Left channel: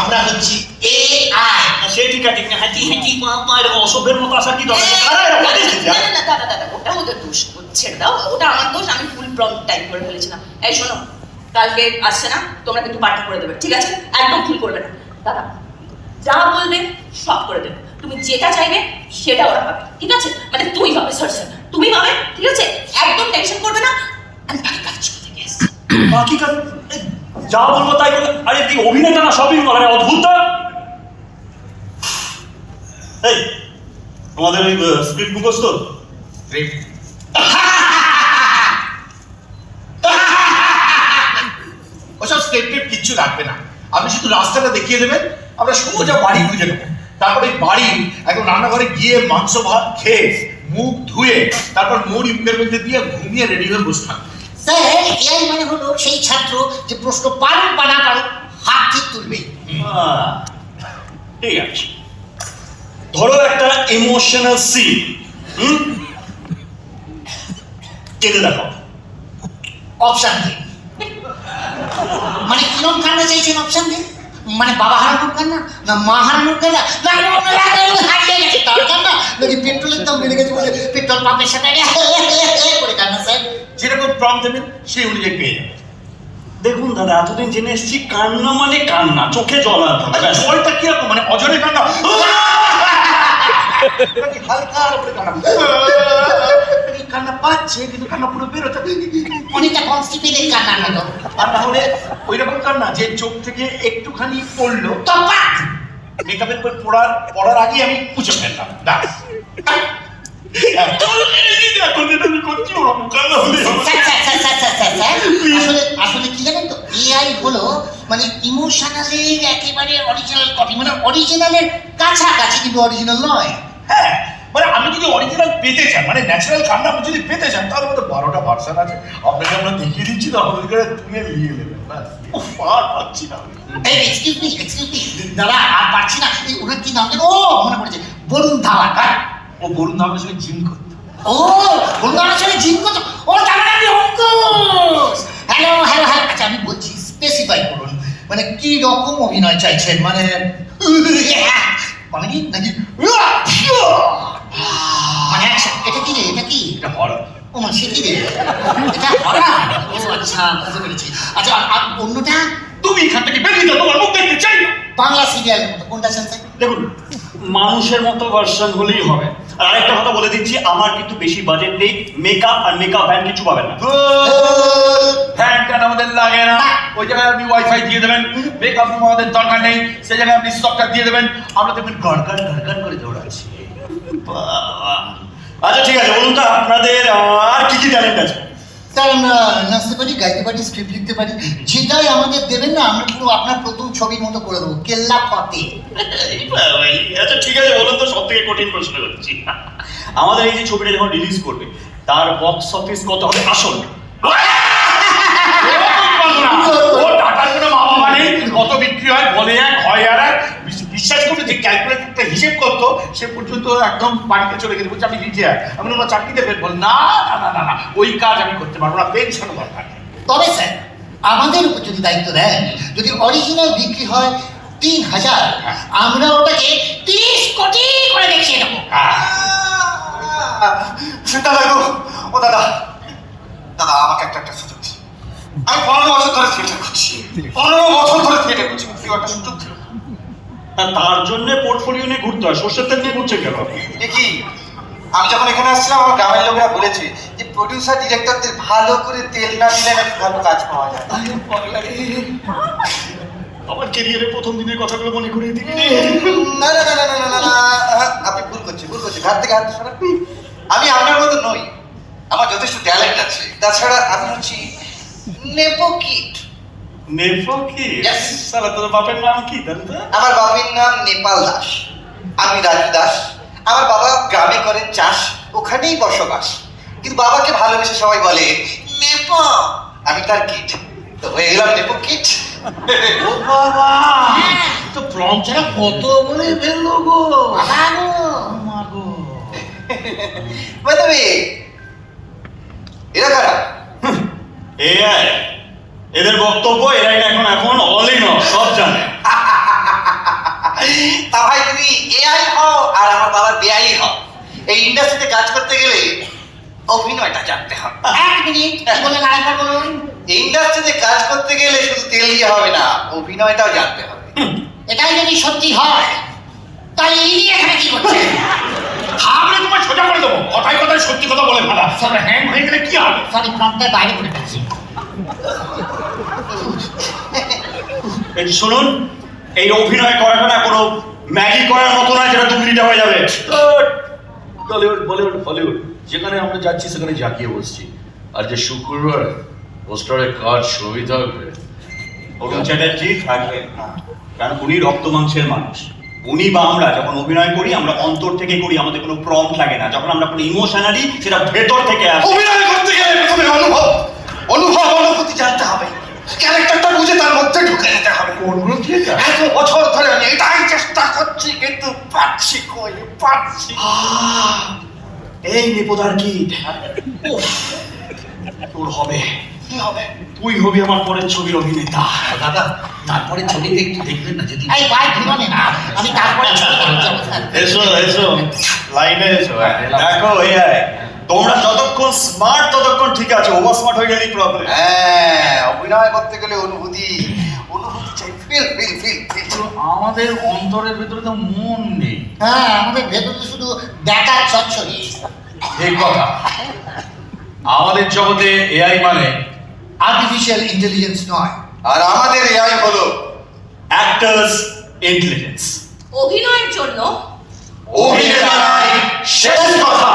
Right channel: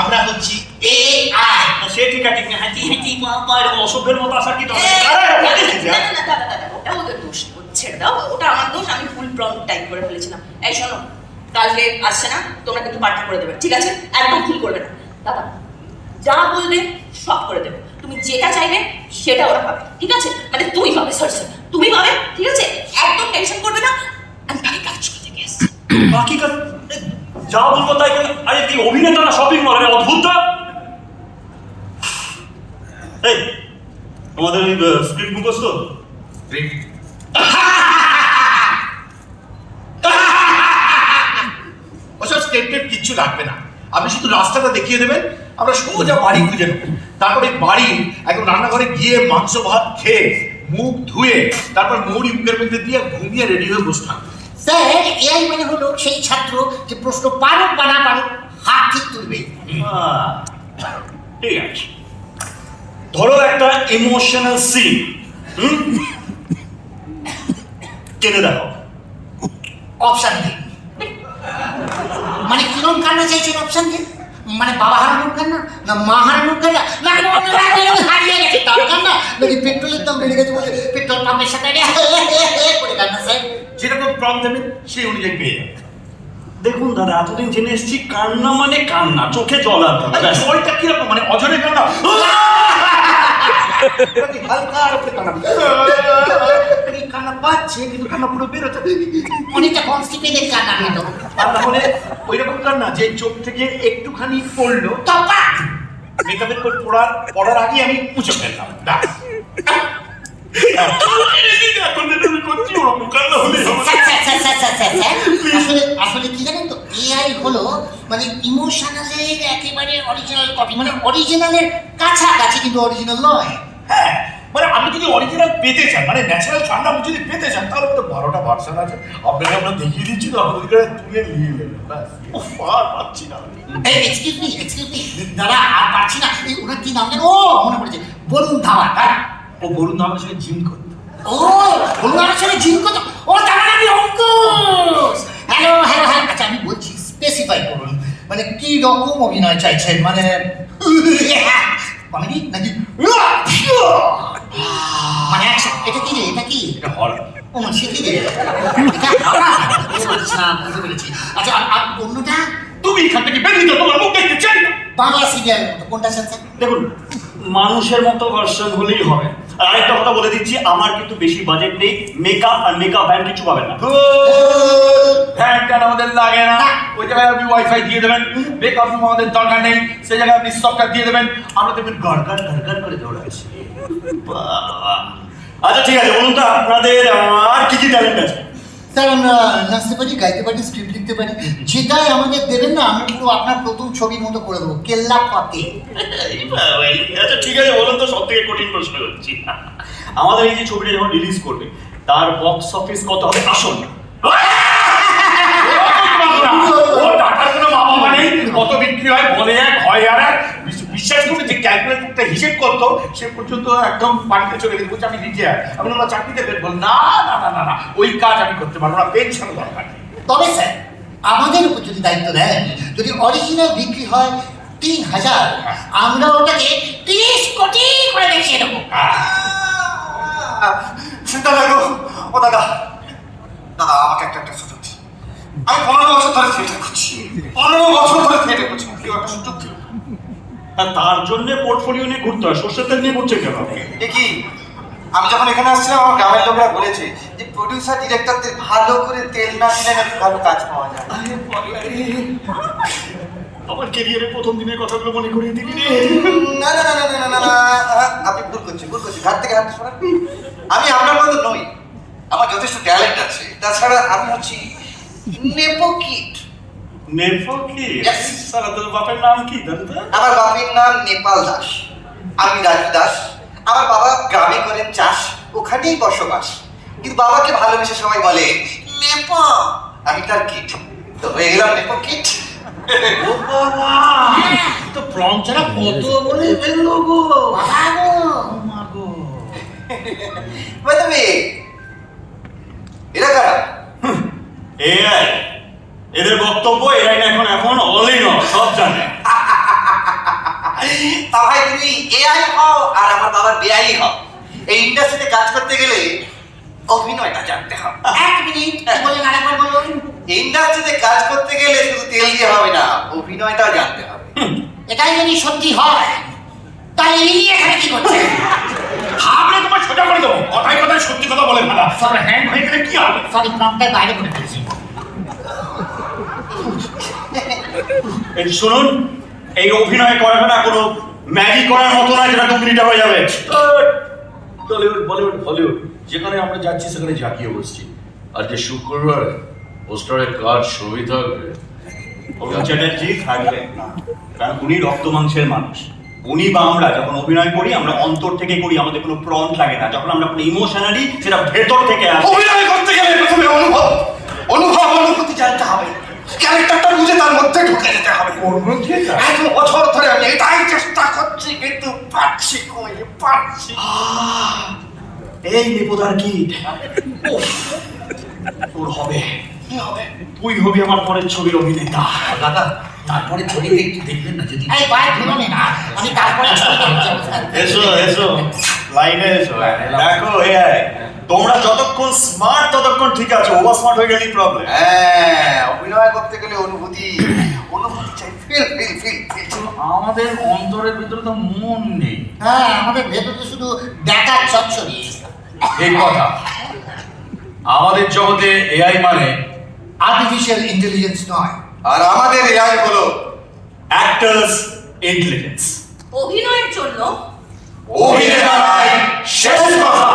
আমরা হচ্ছি AI। সে ঠিক আছে, হাঁটি হাঁটি অসভ্যের মতো আসা কি দরকার? দাদা ওটা ওদের দোষ ছেড়ে দাও, ওটা আমার দোষ, আমি ফুল প্রম্পট টাইপ করে ফেলেছিলাম। এই শোনো, কালকে আসছে না, তোমরা কিন্তু পার্টি করে দেবে, ঠিক আছে? একদম ফিল করবে না। দাদা যা বলবে সব করে দেবে, তুমি যেটা চাইবে সেটা ওরা পাবে, ঠিক আছে? মানে তুই হবে স্যার, তুমি হবে, ঠিক আছে? একদম টেনশন করবে না, আমি বাকি কাজ করতে গেছি। বাকি কাজ যা বলবো তাই বলে। আরে তুই অভিনেতা না শপিং মল, মানে অদ্ভুত। এই আমাদের ওই স্ক্রিপ্ট মুখস্থ? ওসব স্ক্রিপ্টেড কিচ্ছু লাগবে না, আপনি শুধু রাস্তাটা দেখিয়ে দেবেন, আমরা সোজা বাড়ি খুঁজে নেবো। তারপরে বাড়ি একদম রান্নাঘরে গিয়ে মাংস ভাত খেয়ে মুখ ধুয়ে তারপর মোড় মুখের মধ্যে দিয়ে ঘুমিয়ে রেডি হয়ে বসে থাকবো। স্যার এআই মানে হলো সেই ছাত্র যে প্রশ্ন পারো বা না পারো হাত ঠিক তুলবে। ঠিক আছে, ধরো একটা ইমোশনাল সিন, কেঁদে দেখো। অপশন দিন, মানে কিরম কান্না চাইছেন? অপশন দিন, মানে বাবা হারানোর কান্না, না মা হারানোর কান্না, না হারিয়ে গেছে তার কান্না, নাকি পেট্রোলের দাম বেড়ে গেছে বলে পেট্রোল পাম্পের সাথে করে কান্না? স্যার যেরকম প্রম্পট দেবেন সেই অনুযায়ী পেয়ে যাবেন। দেখুন দাদা, এতদিন জেনে এসেছি কান্না মানে কান্না, চোখে জল আসবে। জলটা কিরকম, মানে অজরে কান্না, হালকা করে কান্না, কান্না পাচ্ছে কিন্তু কান্না পুরো বেরোতে, অনেকটা কনস্টিপেটেড কান্না না তো? তাহলে ওই রকম কান্না যে চোখ থেকে একটুখানি পড়লো, তপাক মেকআপের পড়ার আগে আমি মুছে ফেললাম। আসলে কি জানেন তো, এআই হলো মানে ইমোশনালের একেবারে অরিজিনাল কপি, মানে অরিজিনালের কাছাকাছি কিন্তু অরিজিনাল নয়। হ্যাঁ, মানে আমি যদি অরিজিনাল পেতে চান, মানে ন্যাচারাল কান্না আমি যদি পেতে চান, তাহলে তো 12টা ভার্সন আছে, আপনাকে আমরা দেখিয়ে দিচ্ছি, তো আপনি তুলে নিয়ে নেবেন। আর পাচ্ছি না। এক্সকিউজ মি দাদা, আর পারছি না। ওকে কি নাম দেবো? মনে পড়েছে, বরুণ ধাওয়ান। হ্যাঁ, ও বরুণ ধাওয়ানের সঙ্গে জিম করতে। ও বরুণ ধাওয়ানের সঙ্গে জিম করতো? ও তার আমি অঙ্কুশ। হ্যালো হ্যালো হ্যাঁ, আচ্ছা আমি বলছি, স্পেসিফাই করুন, মানে কি রকম অভিনয় চাইছেন? মানে কমেডি নাকি মানে action? এটা কি রে, এটা কি? এটা হরর। ও সেটি রে, আচ্ছা বুঝতে পেরেছি। আচ্ছা আর অন্যটা? তুমি এখান থেকে বেরিয়ে যাও, তোমার মুখ দেখতে চাই না। বাংলা সিরিয়াল কোনটা শুনছেন? দেখুন, মানুষের মতো ভার্সন হলেই হবে। আর একটা কথা বলে দিচ্ছি, আমার কিন্তু বেশি বাজেট নেই, মেকআপ আর মেকআপ ভ্যান কিছু পাবেন না। ফ্যানটা আমাদের লাগে না, ওই জায়গায় আপনি ওয়াইফাই দিয়ে দেবেন, মেকআপ আমাদের দরকার নেই, সেই জায়গায় আপনি সফটওয়্যার দিয়ে দেবেন, আমরা দেখবেন গড়গড় গড়গড় করে দৌড়াচ্ছি। আচ্ছা ঠিক আছে, বলুন তো আপনাদের আর কি কি ট্যালেন্ট আছে? স্যার আমরা নাচতে পারি, গাইতে পারি, স্ক্রিপ্ট লিখতে পারি, যেটাই আমাদের দেবেন না আমরা কিন্তু আপনার প্রথম ছবির মতো করে দেবো, কেল্লা পাতে। আচ্ছা ঠিক আছে, বলুন তো সব থেকে কঠিন প্রশ্ন করছি, আমাদের এই যে ছবিটা যখন রিলিজ করবে তার বক্স অফিস কত হবে আসল? কত বিক্রি হয় বলে এক হয় আর এক, বিশ্বাস করবে যে ক্যালকুলেটরটা হিসেব করতো সে পর্যন্ত একদম বাড়িতে চলে গেছে, বলছে আমি রিটায়ার। আমি ওরা চাকরি দেবেন, বল না না না না না ওই কাজ আমি করতে পারবো না, পেনশন দরকার। তবে স্যার আমাদের উপর যদি দায়িত্ব দেন, যদি অরিজিনাল বিক্রি হয় 3000, আমরা ওটাকে 30 কোটি করে দেখিয়ে দেবো। সেটা লাগো। ও দাদা, দাদা আমাকে একটা সুযোগ দিন। আমি 15 বছর ধরে থিয়েটার করছি, 15 বছর ধরে থিয়েটার করছি, কেউ একটা সুযোগ দিন। তার জন্য পোর্টফোলিও নিয়ে ঘুরতে হয়, সর্ষের তেল নিয়ে ঘুরছে কেন? দেখি আমি যখন এখানে আসছিলাম আমার গ্রামের লোকরা বলেছে যে প্রডিউসার ডিরেক্টরদের ভালো করে তেল না দিলে নাকি ভালো কাজ পাওয়া যায়। আমার ক্যারিয়ারের প্রথম দিনের কথাগুলো মনে করিয়ে দিবি রে। না না না না না না, আপনি ভুল করছি, হাত থেকে হাত সরান। আমি আপনার মতো নই, আমার যথেষ্ট ট্যালেন্ট আছে, তাছাড়া আমি হচ্ছি নেপো কিড। নেপো কি? Yes. সালা তোর বাপের নাম কি দাদা? আমার বাপের নাম নেপাল দাস, আমি রাজু দাস। আমার বাবা গ্রামে করেন চাষ, ওখানেই বসবাস, কিন্তু বাবাকে ভালোবেসে সবাই বলে নেপো, আমি তার কিড, তো হয়ে গেলাম নেপো কিড। ও বাবা, তো প্রঞ্চনা কত বলে ফেললো গো। মাগো বাই দ্য ওয়ে, এরা কারা? এআই, এদের বক্তব্য এআই এখন অল ইন অল, সব জানে। তা ভাই তুমি এআই হও আর আমার বাবার বেআই হও, এই ইন্ডাস্ট্রিতে কাজ করতে গেলে অভিনয়টা জানতে হবে। 1 মিনিট কি বলেন আরেকবার বলুন। এই ইন্ডাস্ট্রিতে কাজ করতে গেলে শুধু তেল দিয়ে হবে না, অভিনয়টাও জানতে হবে। এটাই যদি সত্যি হয় তাহলে এই এখানে কি করছে? ভাবলে তোমার সোজা করে দেবো, কথায় কথায় সত্যি কথা বলে ফেলা। সব হ্যান্ড হয়ে গেলে কি হবে? সরি, প্রম্পটের বাইরে করে ফেলছি। এই শুনুন, এই অভিনয় করাটা না কোনো ম্যাজিক করার মতো নয় যেটা 2 মিনিটে হয়ে যাবে। টলিউড বলিউড হলিউড যেখানে আমরা যাচ্ছি সেখানে ঝাঁকিয়ে বসছি। আর যে শুক্রবার পোস্টারের কাজ শুরুই থাকবে। অরুণ চ্যাটার্জি থাকবেন না, কারণ উনি রক্ত মাংসের মানুষ। উনি বা আমরা যখন অভিনয় করি আমরা অন্তর থেকে করি, আমাদের কোনো প্রম্পট লাগে না। যখন আমরা কোনো ইমোশনালি, সেটা ভেতর থেকে আসে। অভিনয় করতে গেলে প্রথমে অনুভূতি জানতে হবে, ক্যারেক্টারটা বুঝে তার মধ্যে ঢুকে যেতে হবে। এত বছর ধরে আমি এটাই চেষ্টা করছি, কিন্তু পারছি কই, পারছি। এই বিপদার কি তোর হবে, কি হবে? তুই হবি আমার পরের ছবির অভিনেতা। দাদা, তারপরে ছবিতে একটু দেখবেন না যদি এই বাইরে ধরুন না, আমি তারপরে ছবিতে এসো এসো, লাইনে এসো। দেখো এআই, তোমরা যতক্ষণ স্মার্ট ততক্ষণ ঠিক আছে, ওভার স্মার্ট হয়ে গেলেই প্রবলেম। হ্যাঁ, অভিনয় করতে গেলে অনুভূতি চাই, ফিল ফিল ফিল ফিল। আমাদের অন্তরের ভিতরে তো মন নেই। হ্যাঁ, আমাদের ভেতরে শুধু দেখার ছচ্ছবি। এই কথা, আমাদের জগতে এআই মানে আর্টিফিশিয়াল ইন্টেলিজেন্স নয়। আর আমাদের এআই হলো অ্যাক্টার্স ইন্টেলিজেন্স। অভিনয়ের জন্য অভিনেতার শেষ কথা।